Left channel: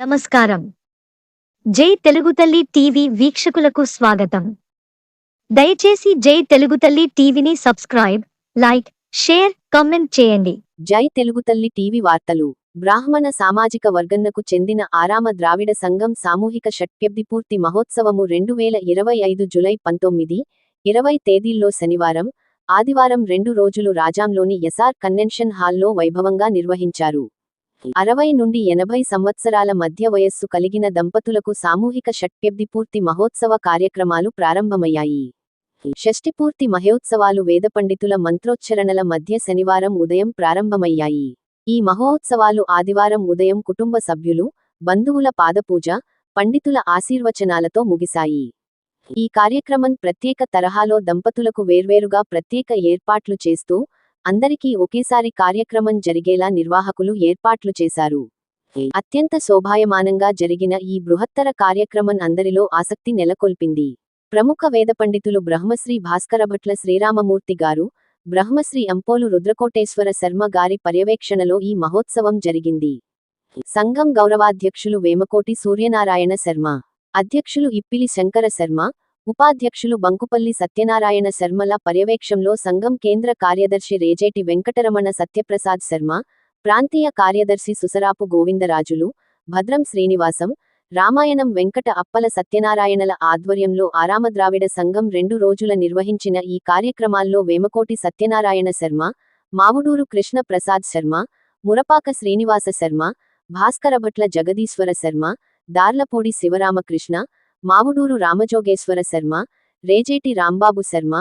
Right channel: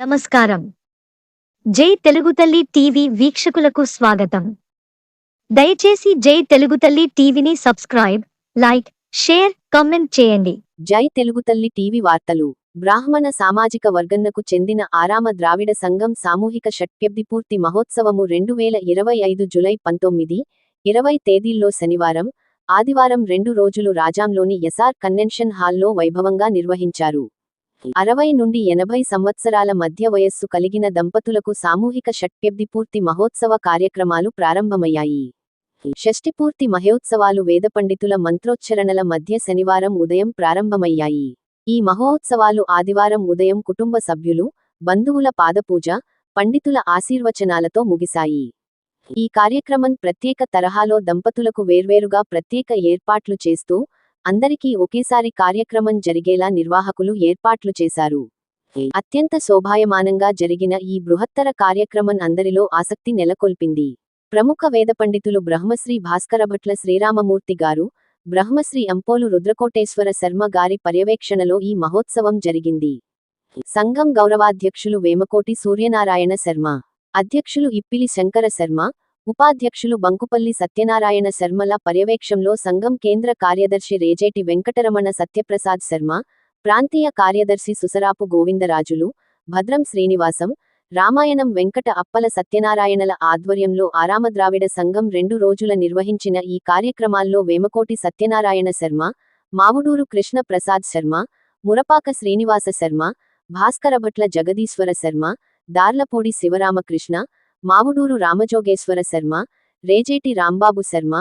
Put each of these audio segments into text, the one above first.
నమస్కారం. జై తెలుగు తల్లి టీవీ వీక్షకులకు స్వాగతం. దయచేసి జై తెలుగు తల్లి టీవీని సబ్స్క్రైబ్ లైక్ షేర్ కమెంట్ చేయండి. జై తెలుగు తల్లి టీవీ వార్తలు. బ్రాహ్మణ సామాజిక వర్గన్నకు చెందిన ఆరామ ద్రావిడ సంఘం సామూహిక షట్ప్యబ్ది పూర్తి మహోత్సవము రెండు వేల ఇరవై ఐదు జులై పంతొమ్మిది ఇరవై తేదీల్లో శనివారం ఆదివారం రెండు రోజులు రాజాంలోని ఎస్ఆర్ కన్వెన్షన్ హాల్లో వైభవంగా నిర్వహించారు. అరవై నుండి ఎనభై సంవత్సరాల మధ్య వయస్సు కలిగిన దంపతులకు సామూహిక షట్ప్యబ్దిపూర్తి మహోత్సవ కార్యక్రమాలు ప్రారంభమయ్యాయి. షష్ఠిపూర్తి మహోత్సవాలు వేద పండితుల మంత్రోచ్చరణల మధ్య శనివారం ఉదయం ప్రారంభమయ్యాయి. ఈ మహోత్సవాలు ఆదివారం ఉదయం కుటుంబ సభ్యులు బంధువుల పాదపూజ పండితుల ఆశీర్వచనాలతో ముగిశాయి. ఈ కార్యక్రమం ప్రత్యేక తరహాలో దంపతులకు వేర్వేరుగా ప్రత్యేక ఏర్పాట్లు చేస్తూ అందరికీ ఒకేసారి కార్యక్రమం జరిగేలా నిర్వాహకులు ఏర్పాట్లు చేశారు. అత్యంత శోభాయమానంగా జరిగిన ఈ బృహత్తర కార్యక్రమం అందరిలో ఆసక్తి నెలకొల్పింది. ప్రముఖ వేద పండితులు బ్రహ్మశ్రీ భాస్కరభట్ల శ్రీరామమూర్తి గారు బ్రహ్మశ్రీ అంపోలు రుద్రకోటేశ్వర శర్మ గారి పర్యవేక్షణలో ఈ మహోత్సవం జరిగింది. సంఘం గౌరవాధ్యక్షులు వేమకోటి సూర్యనారాయణ శర్మ అధ్యక్షులు ఇప్పిలి శంకర శర్మ ఉపాధ్యక్షులు బంకుపల్లి సత్యనారాయణ శర్మల పర్యవేక్షంలో సంఘం కేంద్ర కార్యదర్శి రేజేటి వెంకటరమణ సత్యప్రసాద్ శర్మ ప్రాంతీయ కార్యదర్శి సుసరాపు గోవిందరాజులు భద్రం శ్రీనివాసం రామాయణం వెంకట అప్పల సత్యనారాయణల ఆధ్వర్యంలో ఆరామద్రావిడ సంఘం రెండు రోజుల నిర్వహించిన ఈ కార్యక్రమాల్లో వేమకోటి సత్యనారాయణ శర్మ మావుడూరు కృష్ణ ప్రసాద్ శర్మ మురపాక శ్రీనివాస శర్మ భాస్కరభట్ల జగదీశ్వర శర్మ దార్లపూడి శివరామకృష్ణ మావుడూరు రామజోగేశ్వర శర్మ రేజేటి రాంబాబు శర్మ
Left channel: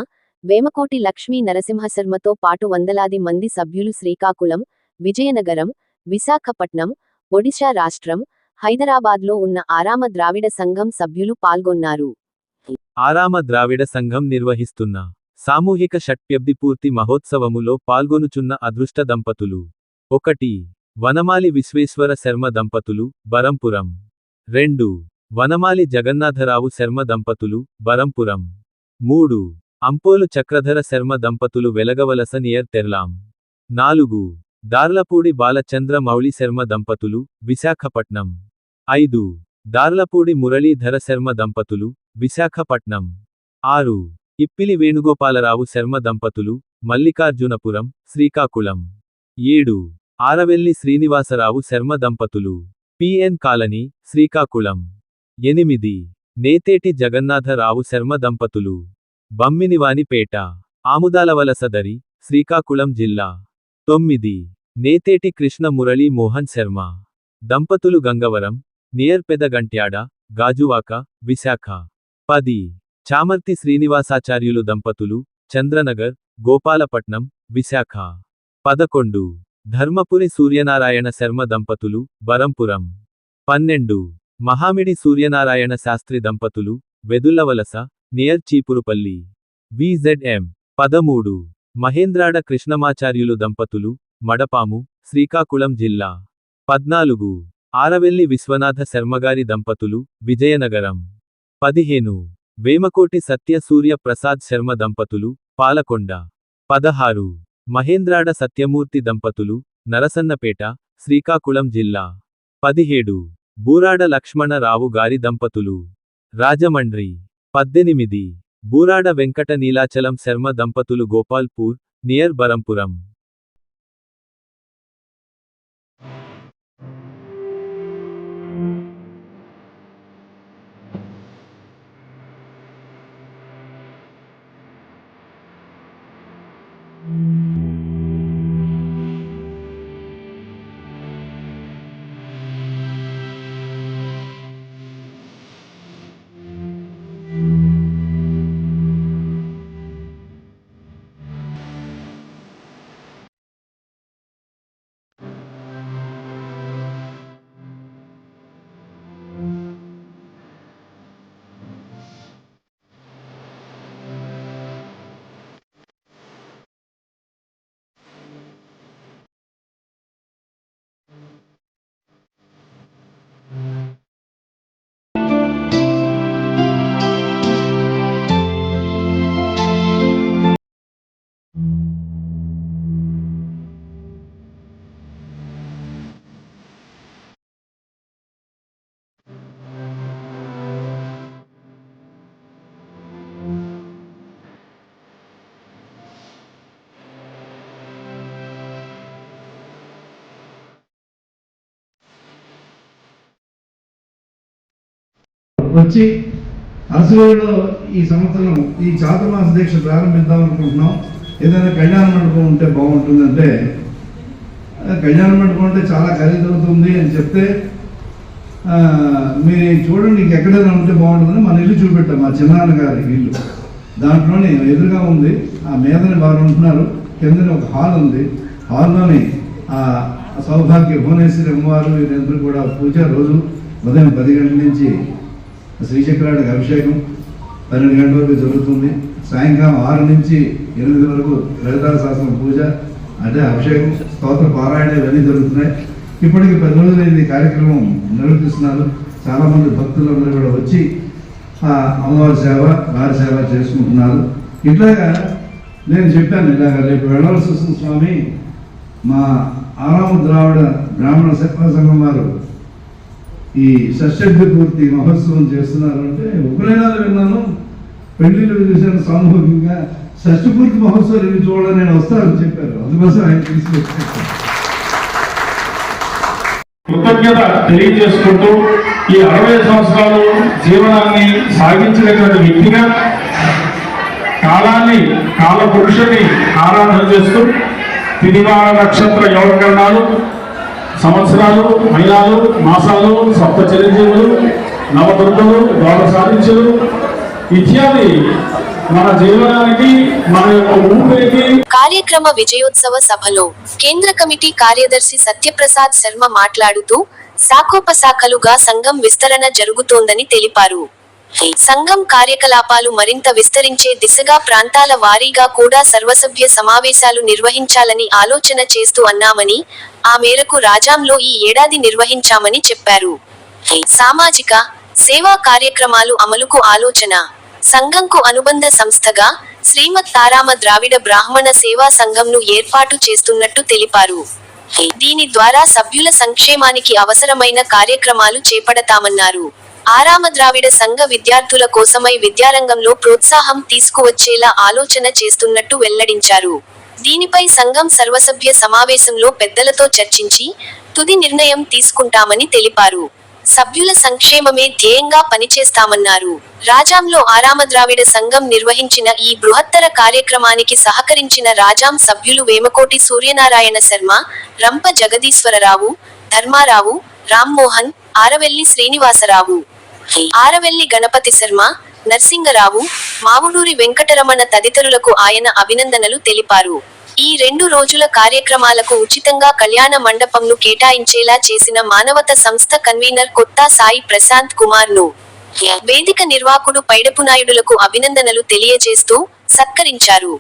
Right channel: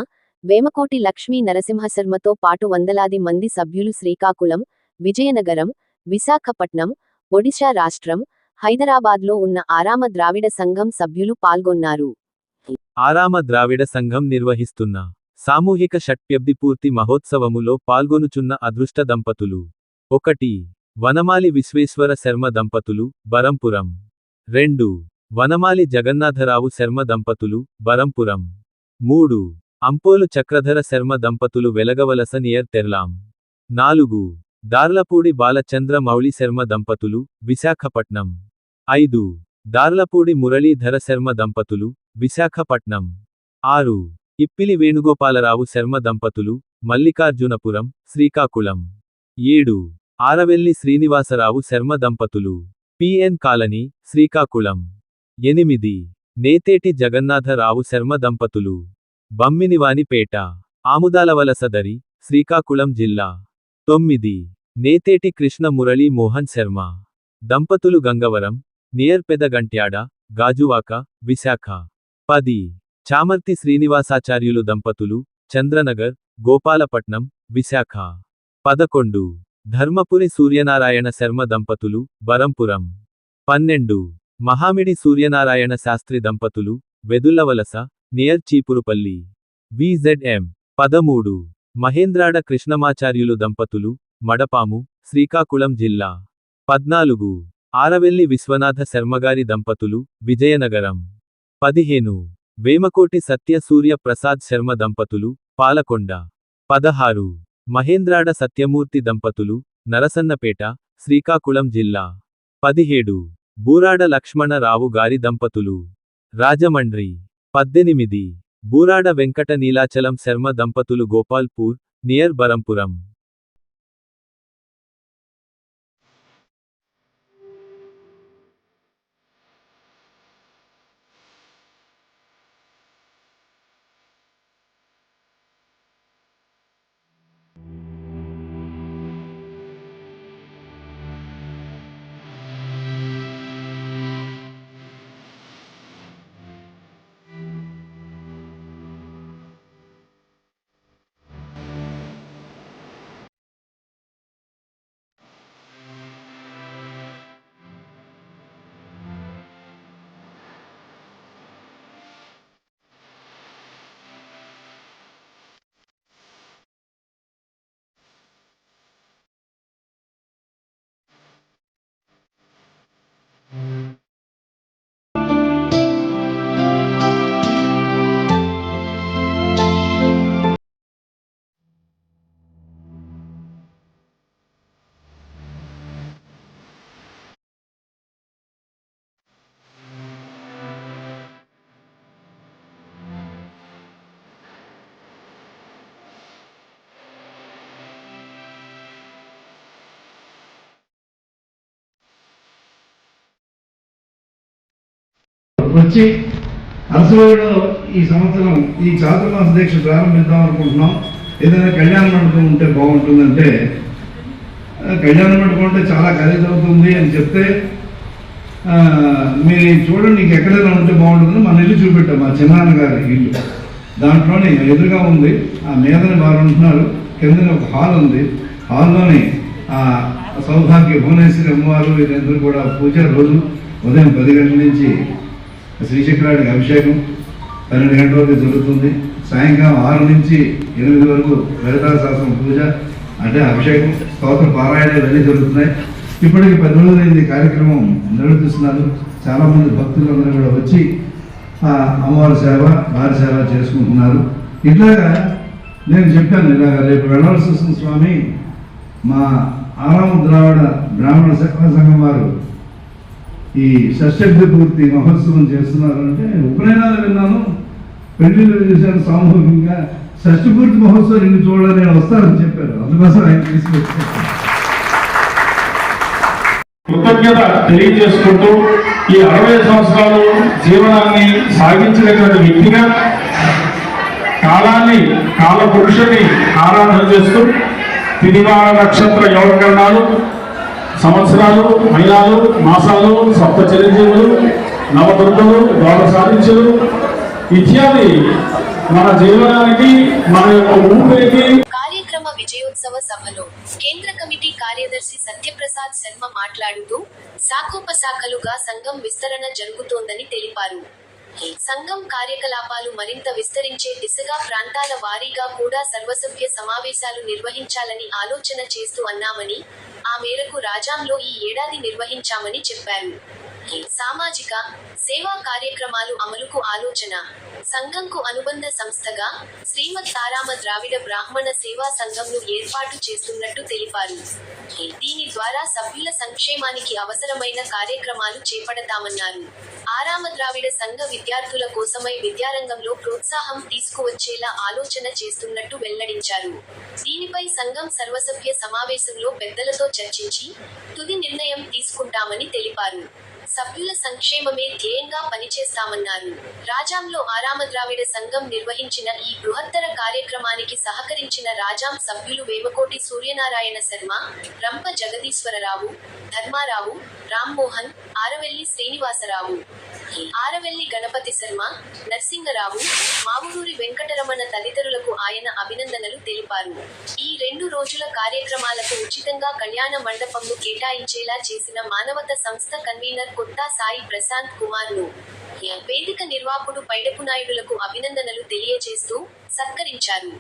వేమకోటి లక్ష్మీ నరసింహశర్మతో పాటు వందలాది మంది సభ్యులు శ్రీకాకుళం విజయనగరం విశాఖపట్నం ఒడిశా రాష్ట్రం హైదరాబాద్లో ఉన్న ఆరామ ద్రావిడ సంఘం సభ్యులు పాల్గొన్నారు. ఆరామ ద్రావిడ సంఘం నిర్వహిస్తున్న సామూహిక షట్ప్యబ్ది పూర్తి మహోత్సవములో పాల్గొనుచున్న అదృష్ట దంపతులు. ఒకటి వనమాలి విశ్వేశ్వర శర్మ దంపతులు బరంపురం. రెండు వనమాలి జగన్నాథరావు శర్మ దంపతులు బరంపురం. మూడు. అంపోలు చక్రధర శర్మ దంపతులు వెలగవలస నియర్ తెర్లాం. నాలుగు. దార్లపూడి బాలచంద్ర మౌళి శర్మ దంపతులు విశాఖపట్నం. ఐదు. దార్లపూడి మురళీధర శర్మ దంపతులు విశాఖపట్నం. ఆరు. ఇప్పిలి వేణుగోపాలరావు శర్మ దంపతులు మల్లికార్జునపురం శ్రీకాకుళం. ఏడు. ఆరవెల్లి శ్రీనివాసరావు శర్మ దంపతులు పిఎన్ కాలనీ శ్రీకాకుళం. ఎనిమిది. నేతేటి జగన్నాథరావు శర్మ దంపతులు. బమ్మినివానిపేట ఆముదాలవలసదరి శ్రీకాకుళం జిల్లా. తొమ్మిది. నేతేటి కృష్ణ మురళీ మోహన్ శర్మ. దంపతులు గంగవరం నియర్ పెదగంట్యాడ గాజువాక విశాఖ. పది. చామర్తి శ్రీనివాసాచార్యులు దంపతులు చంద్రనగర్ గోపాలపట్నం విశాఖ. పదకొండు. ధర్మపురి సూర్యనారాయణ శర్మ దంపతులు బరంపురం. పన్నెండు. మహామిడి సూర్యనారాయణ శాస్త్రి దంపతులు వెదుల్లవలస నియర్ చీపురుపల్లి. విజెడ్ఎం. పదమూడు. మహేంద్రాడ కృష్ణమాచార్యులు దంపతులు మడపాము శ్రీకాకుళం జిల్లా. పద్నాలుగు. ఆరవెల్లి విశ్వనాథ శర్మగారి దంపతులు విజయనగరం. పదిహేను. వేమకోటి సత్య సూర్య ప్రసాద్ శర్మ దంపతులు పాలకొండ. పదహారు. మహేంద్రాడ సత్యమూర్తి దంపతులు నరసన్నపేట శ్రీకాకుళం జిల్లా. పదిహేడు. బూరాడ లక్ష్మణరావు గారి దంపతులు. రాజమండ్రి పద్దెనిమిది. బూరాడ వెంకట నీలాచలం శర్మ దంపతులు గోపాల్పూర్ నియర్ బరంపురం. వచ్చి అరసవైలో ఈ సంవత్సరం ఈ చాతుర్మాస దీక్ష ప్రారంభిద్దాం అనుకుంటున్నాం. ఏదైనా కళ్యాణ మండపం ఉంటే బాగుంటుందంటే కళ్యాణ మండపం అంటే చాలా ఖరీదు అవుతుంది అని చెప్తే మీరు చూడండి నీకు ఎక్కడైనా ఉంటే బాగుంటుందని మన ఇల్లు చూపెట్టాం మా చిన్నాన్న గారి ఇల్లు. దాంట్లోని ఎదురుగా ఉంది ఆ మీదని వారు ఉంటున్నారు కిందన ఒక హాల్ ఉంది. హాల్లోని ఆ సౌభాగ్య భువనేశ్వరి అమ్మవారు వీరందరూ కూడా పూజ రోజు ఉదయం పది గంటల నుంచి శ్రీచక్రానికి అభిషేకం పన్నెండు గంటల వరకు జరుగుతుంది. సాయంకాలం ఆరు నుంచి ఎనిమిది వరకు లలితా శాస్త్రం పూజ అంటే అభిషేకం స్తోత్ర పారాయణ ఇవన్నీ జరుగుతున్నాయి. ఇప్పటికి పది రోజులు ఈ కార్యక్రమం నిర్వర్తిస్తున్నారు. చాలామంది భక్తులు అందరూ కూడా వచ్చి ఆ అమ్మవారి సేవ వారి సేవ చేసుకుంటున్నారు. ఇట్లాగా నేను చెప్పాను ఇలాగ రేపు వెళ్ళాల్సి వస్తుంది స్వామి. మా ఆరామ ద్రావిడ బ్రాహ్మణ సేవా సంఘం వారు ఈ షష్ఠి పూర్తి మహోత్సవం చేస్తున్నారంటే ఉపనయనాలు విన్నాను. పెళ్ళిళ్ళు చేశాను సామూహికంగా షష్ఠి పూర్తి మహోత్సవం ఇన్ని చూడాలని నేను వస్తానని చెప్పారు. అందుకోసం ఆయన తీసుకొచ్చాను కృతజ్ఞత తెలియజేసుకుంటూ ఈ అరవై సంవత్సరాలు జీవనాన్ని సాగించినటువంటి వ్యక్తిగా కాలాన్ని కాల పురుషుని ఆరాధన చేస్తూ తిదివార నక్షత్ర యోగకరణాలు సంవత్సరాలు మహిళలు మాసాలు సప్త చిరంజీవులు నవదుర్గలు గౌరవ సాధించులు ఇత్యాది మన జీవనానికి మన యొక్క ఊపిరికి కార్యక్రమ విజయోత్సవ సభలో కేంద్ర కమిటీ కార్యదర్శి సత్యప్రసాద్ శర్మ మాట్లాడుతూ శాఖోపశాఖలుగా సంఘం విస్తరణ జరుగుతోందని తెలిపారు. సంఘం కార్యకలాపాలు మరింత విస్తరించే దిశగా ప్రాంతాల వారీగా కూడా సర్వసభ్య సమావేశాలు నిర్వహించాలని ఆలోచన చేస్తూ అన్నామని ఆ మేరకు రాజాంలో ఈ ఏడాది నిర్వహించామని చెప్పారు. సామాజిక సేవా కార్యక్రమాలు అమలుకు ఆలోచన. సంఘంకు అనుబంధ సంస్థగా శ్రీమత్ తారామ ద్రావిడ బ్రాహ్మణ సేవా సంఘంను ఏర్పాటు చేస్తున్నట్టు తెలిపారు. దీని ద్వారా సభ్యుల సంక్షేమానికి అవసరమైన కార్యక్రమాలు చేపడతామన్నారు. ఆరామ ద్రావిడ సంఘ విద్యార్థుల కోసమై విద్యారంగంలో ప్రోత్సాహం తీసుకువచ్చేలా ఆలోచన చేస్తున్నట్టు వెల్లడించారు. దీనిపై సంఘం సర్వసభ్య సమావేశంలో పెద్దలతో చర్చించి తుది నిర్ణయం తీసుకుంటామని తెలిపారు. సభ్యుల సంక్షేమమే ధ్యేయంగా పనిచేస్తామన్నారు. రాజాంలో ఆరామ ద్రావిడ సంఘం నిర్వహించిన ఈ బృహత్తర కార్యక్రమానికి సహకరించిన రాజాం సభ్యులు వేమకోటి సూర్యనారాయణ శర్మ రంప జగదీశ్వరరావు ధర్మారావు రామ్మోహన్ ఆరవెల్లి శ్రీనివాసరావు. ఆరవెల్లి గణపతి శర్మ నర్సింగరావు మావులూరి వెంకటరమణ తదితరులకు ఆయన అభినందనలు తెలిపారు. ఈ రెండు రోజుల కార్యక్రమాలకు ఉచితంగా కళ్యాణ మండపంను కేటాయించేలా చేసిన మానవత సంస్థ కన్వీనర్ కొత్త సాయి ప్రశాంత్ కుమార్ను వేదిక నిర్వాకుడు పైడపు నాయుడులకు అభినందనలు తెలియజేస్తూ సత్కరించారు.